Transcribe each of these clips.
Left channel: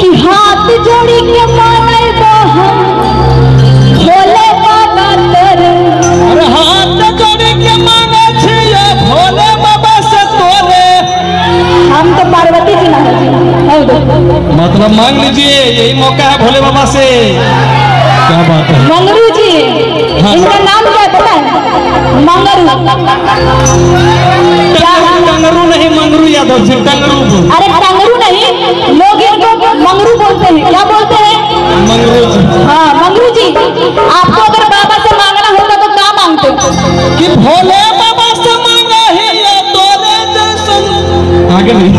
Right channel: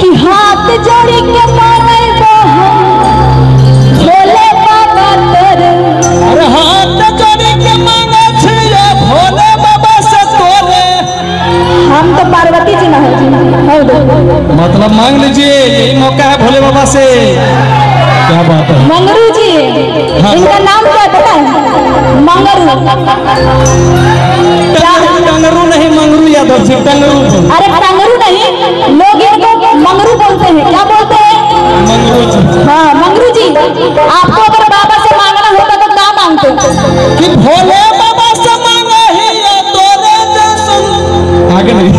कि हाथ जोड़ी के मांगे हम भोले बाबा तेरे। अरे हाथ जोड़ी के मांगे छिए भोले बाबा से तोरे। हम तो पार्वती जी ना जी हो दो मतलब मांग लीजिए, यही मौका है भोले बाबा से। क्या बात है मंगरू जी, इनका नाम क्या पता है? मंगरू। टंगरू नहीं, मंगरू यादव जी, टंगरू। अरे टंगरू नहीं, लोग इनको मंगरू बोलते हैं। क्या बोलते हैं? मंगरू जी। हाँ मंगरू जी, आपको अगर बाबा से मांगना होता तो क्या मांगते? कि भोले बाबा से मांगे ही तोरे जैसन। आगे नहीं।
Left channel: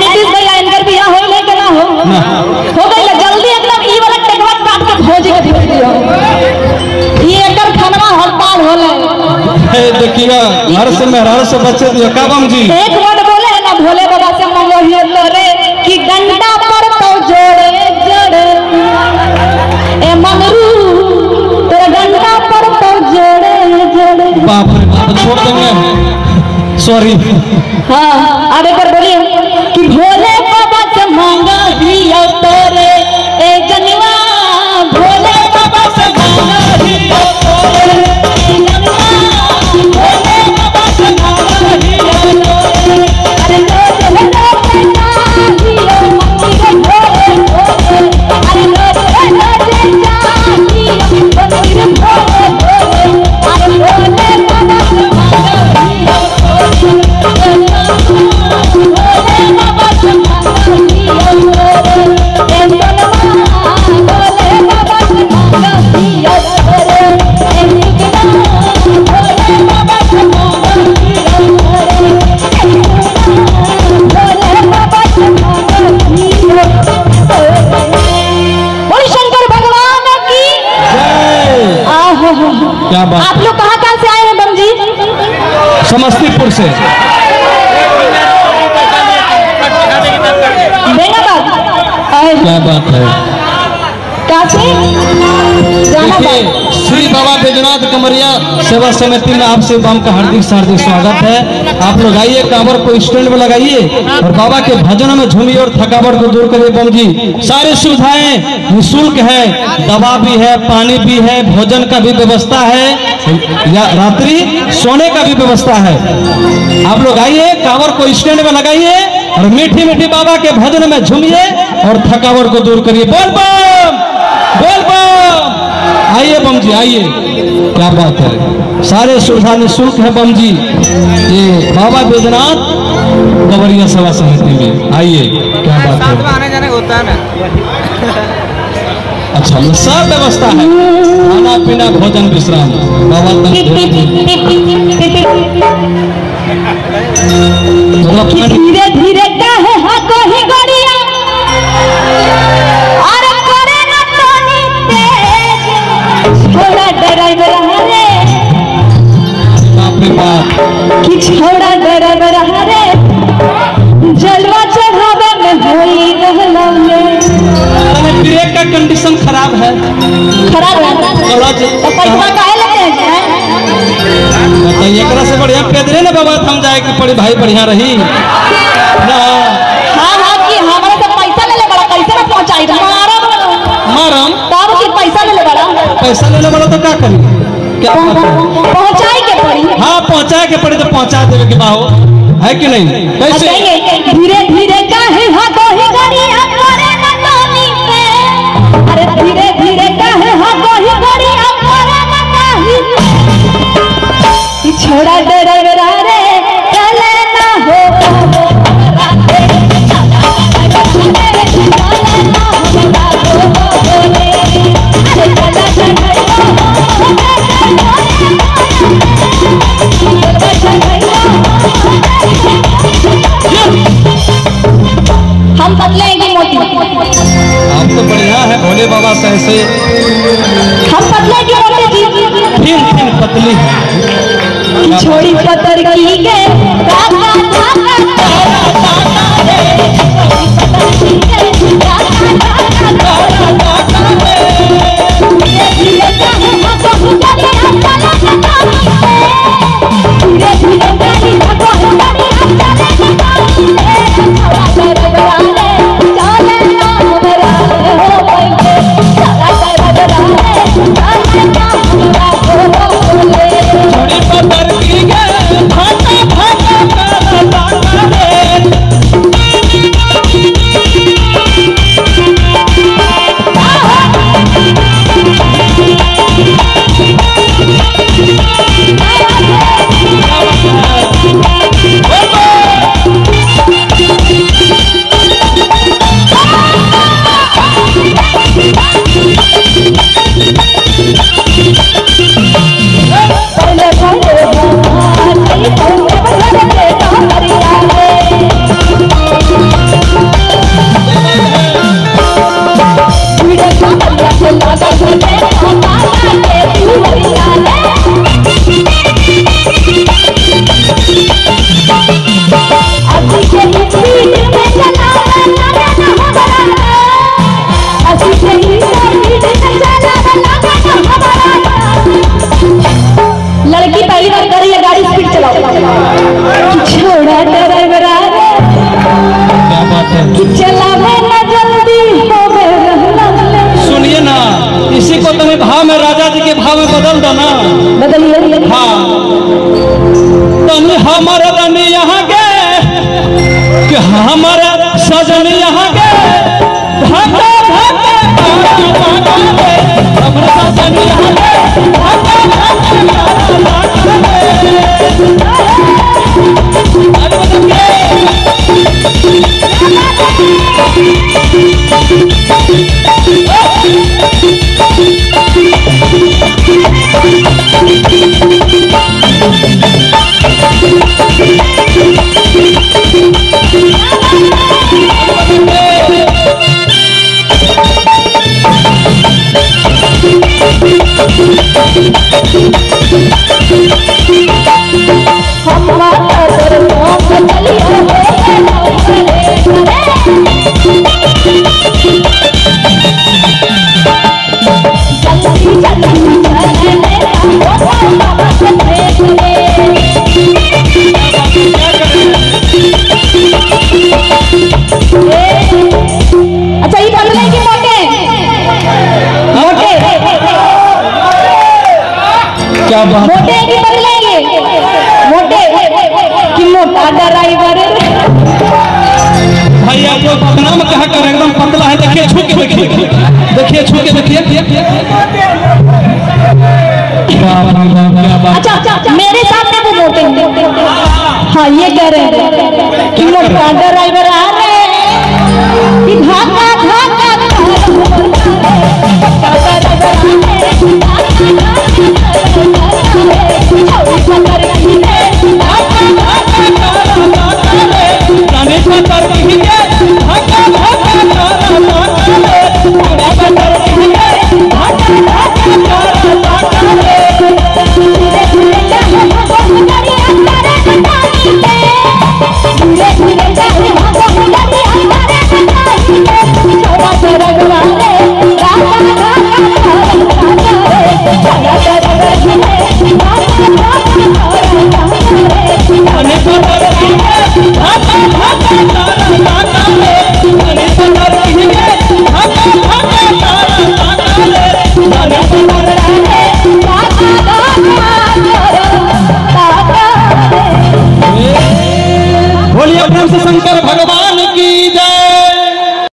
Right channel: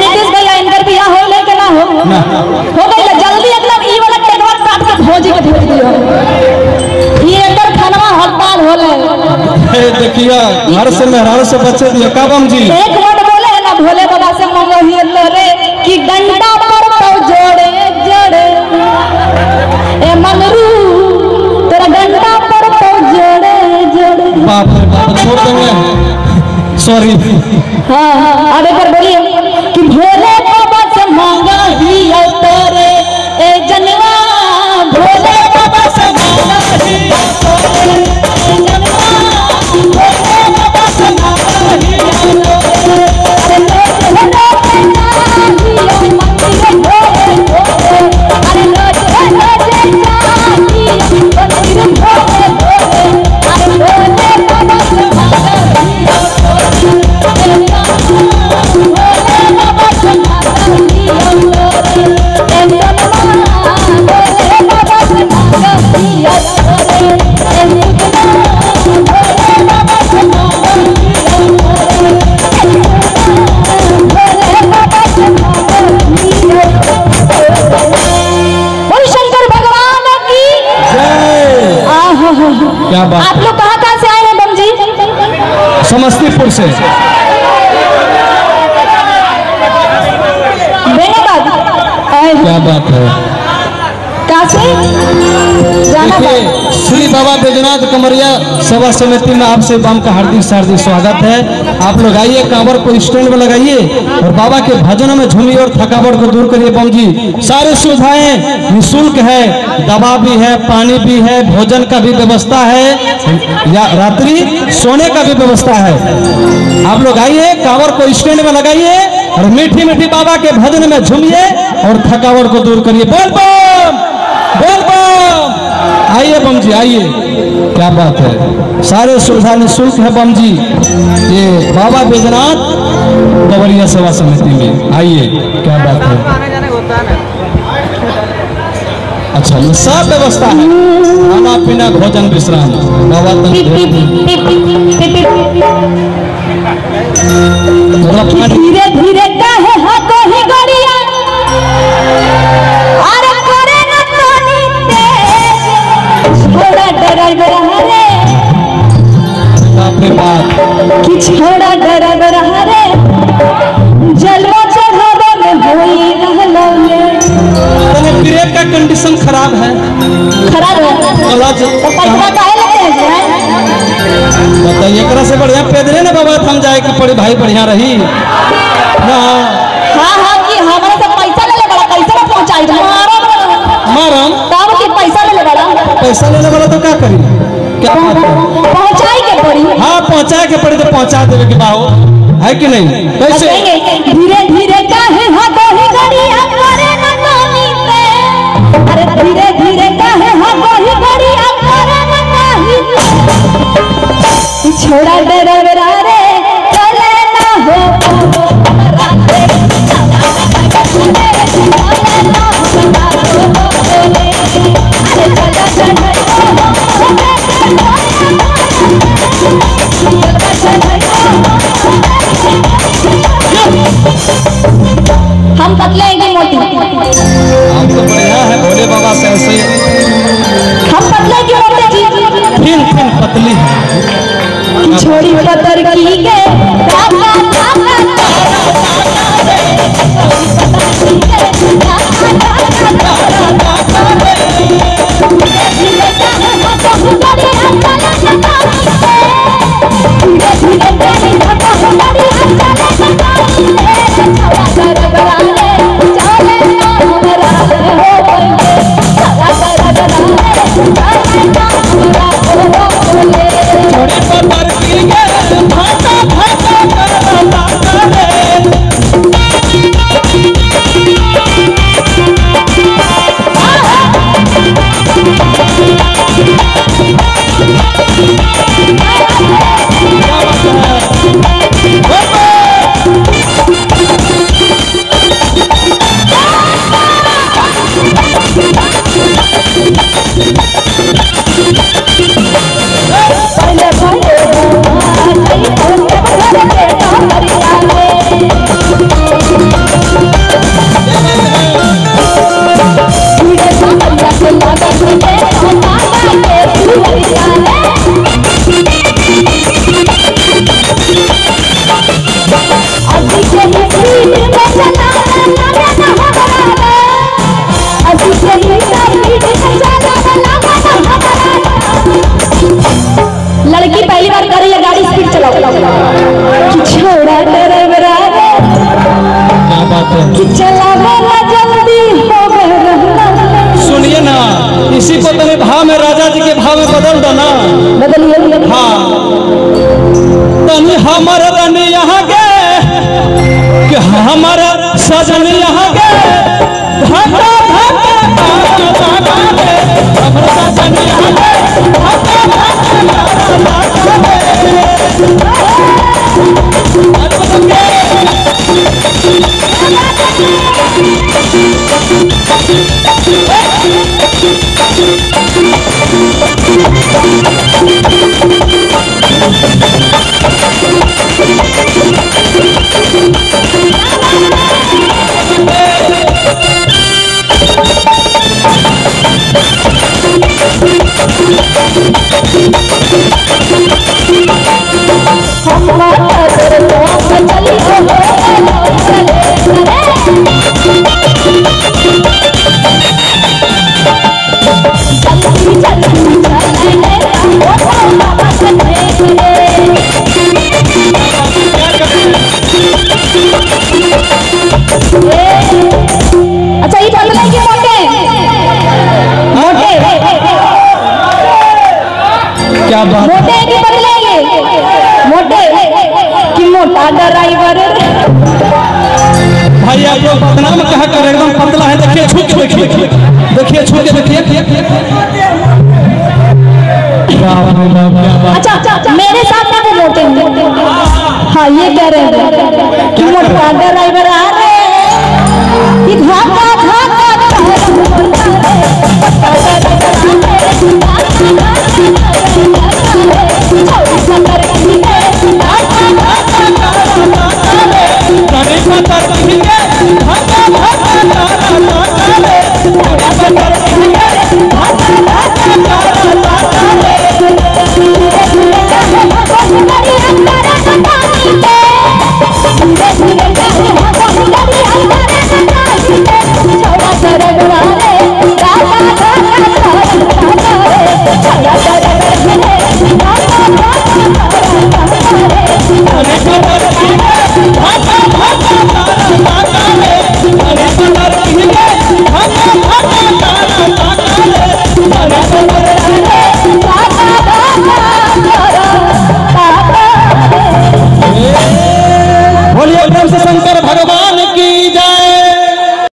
नीतीश भैया इनकर बिया हो ले के ना हो? हो गई जल्दी एकदम ई वाला टेकवा काट के भोजी के दिया। ये एकर खानवा हड़ताल होले। देखिए घर से मेहरारू से बच्चे दिया का बम जी। एक वर्ड बोले है ना भोले बाबा से मांगो ही तोरे कि डंडा पर तो जोड़े जोड़े। ए मंगरू तेरा डंडा पर तो जोड़े जोड़े। बाप रे बाप, छोड़ देंगे, सॉरी। हाँ हाँ अब एक बार बोलिए कि भोले बाबा से मांगा ही तोरे ए जनवा। भोले बाबा से मांगा ही तोरे क्या बात। आप लोग कहाँ से आए हैं बम जी? समस्तीपुर से। क्या बात है। देखिए श्री बाबा बैजनाथ कमरिया सेवा समिति में आप सभी का हार्दिक स्वागत है। आप लोग आइए, कांवर को स्टैंड में लगाइए और बाबा के भजन में झूमिए और थकावट को दूर करिए। बम जी सारी सुविधाएं निःशुल्क है, दवा भी है, पानी भी है, भोजन का भी व्यवस्था है, या रात्रि सोने का भी व्यवस्था है। आप लोग आइए, कांवर को स्टैंड में लगाइए और मीठी मीठी बाबा के भजन में झूमिए और थकावट को दूर करिए। बोल बम बोल बम। आइए बम जी आइए। क्या बात है, सारे सुविधा निःशुल्क है बम जी। ये बाबा बैजनाथ कमरिया सेवा समिति में आइए। क्या बात है। अच्छा सब व्यवस्था है, खाना पीना भोजन विश्राम। बाबा धीरे धीरे कहे हाथों ही गड़िया और करे न पानी तेज। छोड़ा ड्राइवर हरे, बाप रे बाप, कि छोड़ा ड्राइवर हरे, जलवा चढ़ावे में होई नहलो में। तो ब्रेक का कंडीशन खराब है। खराब है तो पैसा काहे लेते हैं? बताइए, एकरा से बढ़िया पैदले ना बाबा हम जाए कि पड़ी भाई बढ़िया रही ना। हाँ हाँ कि हमारे से पैसा ले लेगा, कैसे ना पहुंचाई मारम तब कि पैसा ले लेगा। पैसा लेने वाला तो क्या करी, क्या पहुंचाई के पड़ी। हाँ पहुंचा के पड़ी तो पहुंचा देवे के बाहो है कि नहीं। कैसे धीरे धीरे काहे हाथों ही गड़िया करे न पानी पे। अरे धीरे धीरे काहे हाथों ही गड़िया करे न पानी पे। छोड़ा ड्राइवर रे चले ना हो। Yeah! अच्छा ये बदलेंगे मोटे क्या बात मोटे की बदलेंगे मोटे कि मोटा ड्राइवर भाई आप लोग बदनाम कहा कर एकदम पतला है देखिए छू के देखिए देखिए छू के देखिए क्या बात अच्छा मेरे सामने वो मोटे हाँ ये कह रहे हैं